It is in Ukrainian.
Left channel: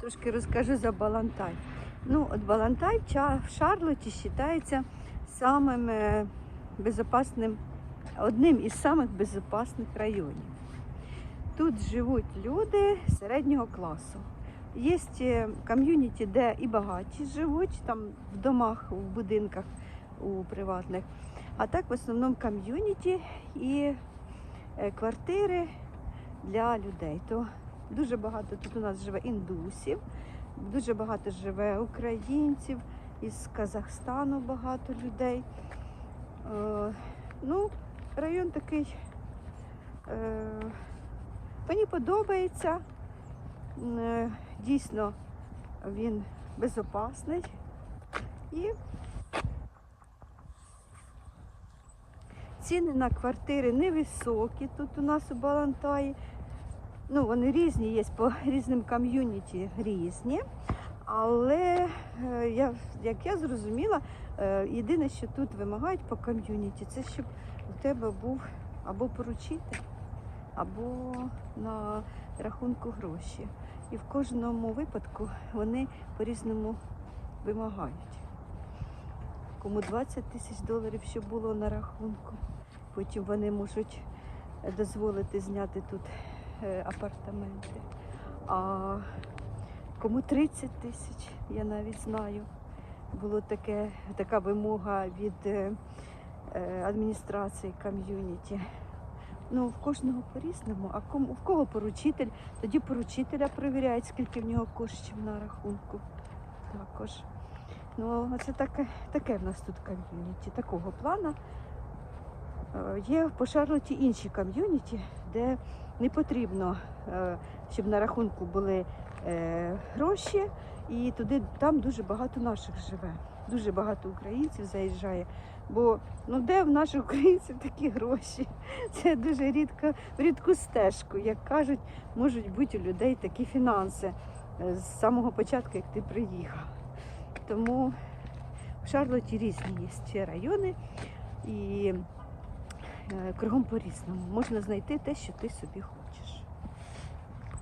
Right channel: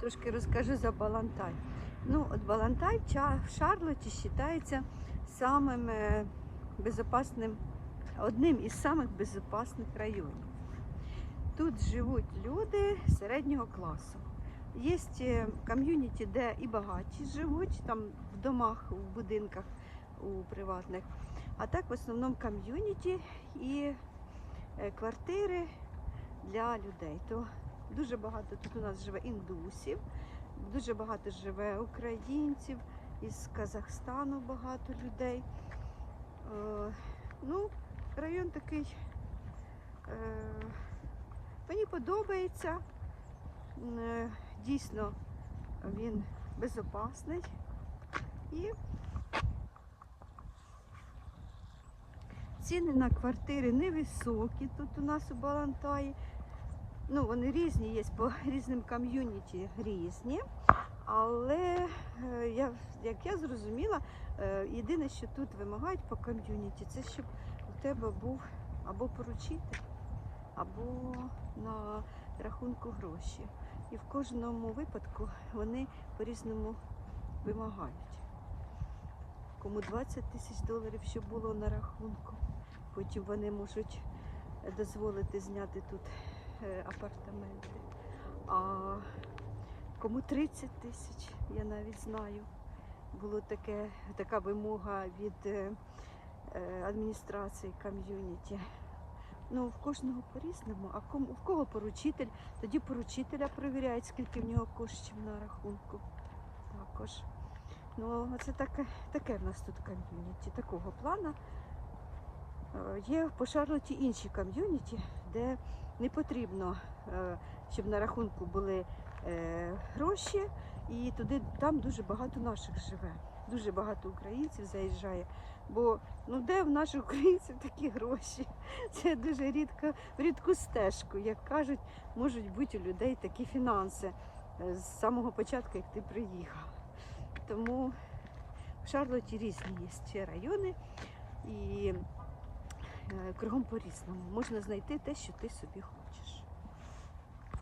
трошки розкажу за Балантай. Ну, от Балантай в Шарлоті вважається самим е, безопасним, одним із самих безпечних районів. Тут живуть люди середнього класу. Є е, ком'юніті, де і багаті живуть, там в домах, в будинках у приватних. А так в основному ком'юніті і е, квартири для людей. То дуже багато тут у нас живе індусів, дуже багато живе українців, із Казахстану багато людей. Е, ну, район такий. Е, мені подобається. Е, Дійсно, він безопасний. І ціни на квартири невисокі тут у нас у Балантаї. Ну, вони різні, є по різним ком'юніті різні. Але е, я, як я зрозуміла, е, єдине, що тут вимагають по ком'юніті, це щоб у тебе був або поручитель, або на рахунку гроші. І в кожному випадку вони по-різному вимагають. Кому 20 тисяч доларів, щоб було на рахунку. Потім вони можуть дозволити зняти тут апартаменти. А кому 30 тисяч, я навіть знаю. Було таке, така вимога від е, е, адміністрації ком'юніті. Ну, в кожного по-різному, а кому, в кого поручитель, тоді поручителя перевіряють, скільки в нього коштів на рахунку. Також. Ну, це таке, таке в нас тут ком'юніті, такого плану. Е, Є по Шарлоті інші ком'юніті, де не потрібно, е, щоб на рахунку були е, гроші, і туди там дуже багато наших живе. Дуже багато українців заїжджає. Бо ну де в наших українців такі гроші? Це дуже рідко, рідку стежку. Як кажуть, можуть бути у людей такі фінанси з самого початку, як ти приїхав. Тому в Шарлоті різні є ще райони і кругом по-різному. Можна знайти те, що ти собі хочеш.